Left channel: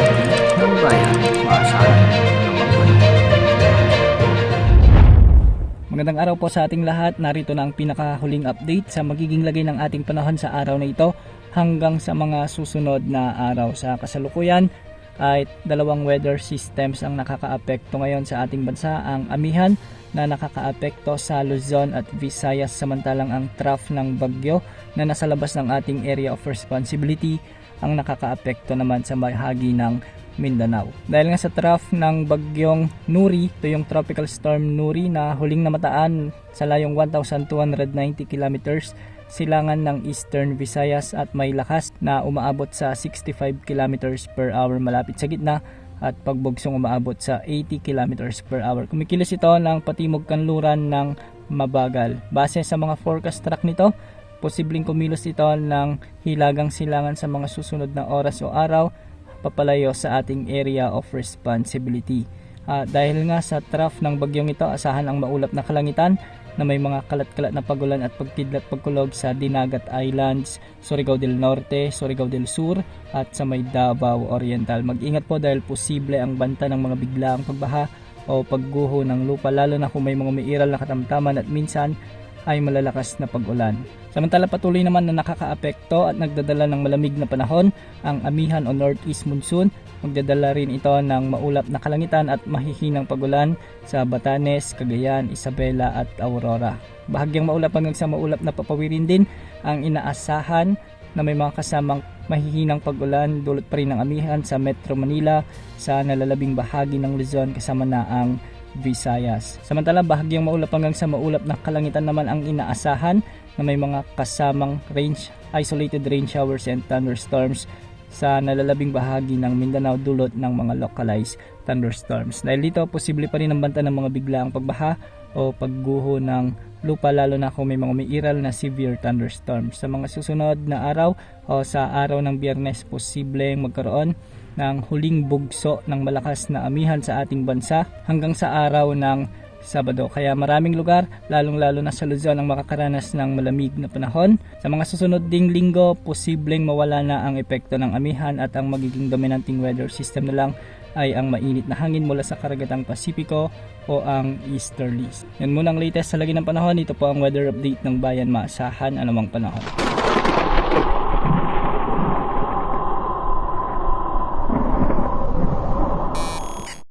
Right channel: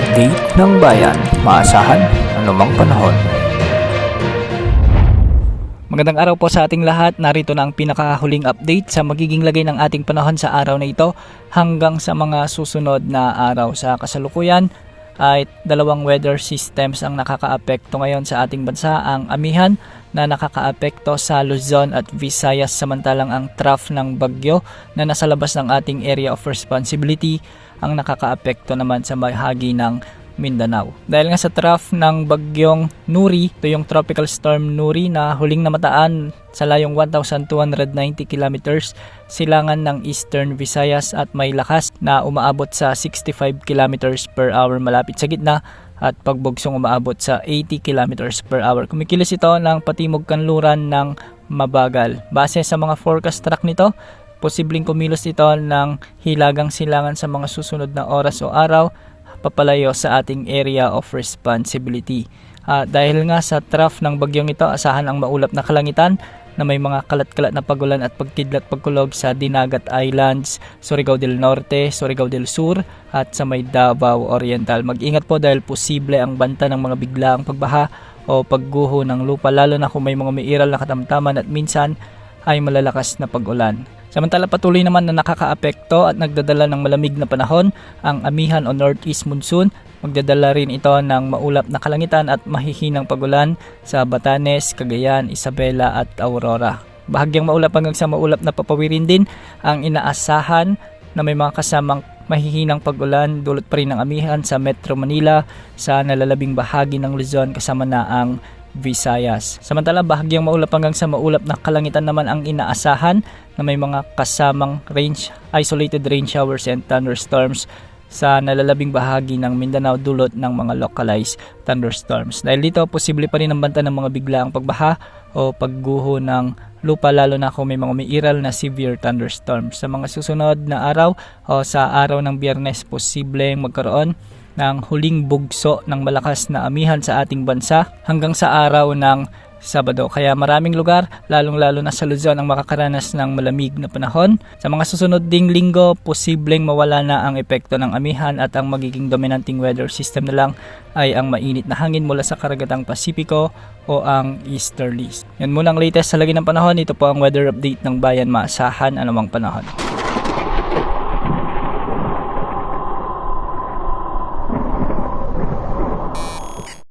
update ng bayan, maasahan anumang panahon. Magandang araw po sa ating lahat. Narito na ang pinakahuling update sa magiging lagay ng ating panahon sa araw na ito hanggang sa mga susunod na araw. Sa kasalukuyan ay dalawang weather systems ang nakakaapekto ngayon sa ating bansa. Ang amihan na nakakaapekto sa Luzon at Visayas, samantalang ang trough ng bagyo na nasa labas ng ating area of responsibility ang nakakaapekto naman sa bahagi ng Mindanao. Dahil nga sa trough ng bagyong Nuri, ito yung tropical storm Nuri na huling namataan sa layong 1,290 kilometers silangan ng Eastern Visayas at may lakas na umaabot sa 65 kilometers per hour malapit sa gitna at pagbugsong umaabot sa 80 kilometers per hour. Kumikilos ito ng patimog kanluran ng mabagal. Base sa mga forecast track nito, posibleng kumilos ito ng hilagang silangan sa mga susunod na oras o araw papalayo sa ating area of responsibility. Dahil nga sa trough ng bagyong ito, asahan ang maulap na kalangitan na may mga kalat-kalat na pagulan at pagkidlat pagkulog sa Dinagat Islands, Surigao del Norte, Surigao del Sur at sa may Davao Oriental. Mag-ingat po dahil posible ang banta ng mga biglaang pagbaha o pagguho ng lupa, lalo na kung may mga umiiral na katamtaman at minsan ay malalakas na pag-ulan. Samantala patuloy naman na nakakaapekto at nagdadala ng malamig na panahon ang amihan o northeast monsoon. Magdadala rin ito ng maulap na kalangitan at mahihinang pagulan sa Batanes, Cagayan, Isabela at Aurora. Bahagyang maulap hanggang sa maulap na papawirin din ang inaasahan na may mga kasamang mahihinang pagulan. Dulot pa rin ng amihan sa Metro Manila, sa nalalabing bahagi ng Luzon kasama na ang Visayas. Samantala bahagyang maulap hanggang sa maulap na kalangitan naman ang inaasahan na may mga kasamang isolated rain showers and thunderstorms sa nalalabing bahagi ng Mindanao dulot ng mga localized thunderstorms. Dahil dito, posible pa rin ang banta ng mga biglaang pagbaha o pagguho ng lupa, lalo na kung may mga umiiral na severe thunderstorms. Sa mga susunod na araw o sa araw ng Biyernes, posibleng magkaroon ng huling bugso ng malakas na amihan sa ating bansa hanggang sa araw ng Sabado. Kaya maraming lugar, lalong-lalo na sa Luzon, ang makakaranas ng malamig na panahon. Sa mga susunod ding linggo, posibleng mawala na ang epekto ng amihan at ang magiging dominanting weather system na lang ay ang mainit na hangin mula sa karagatang Pasipiko o ang easterlies. Yan muna ang latest sa lagi ng panahon. Ito po ang weather update ng bayan, maasahan anumang panahon.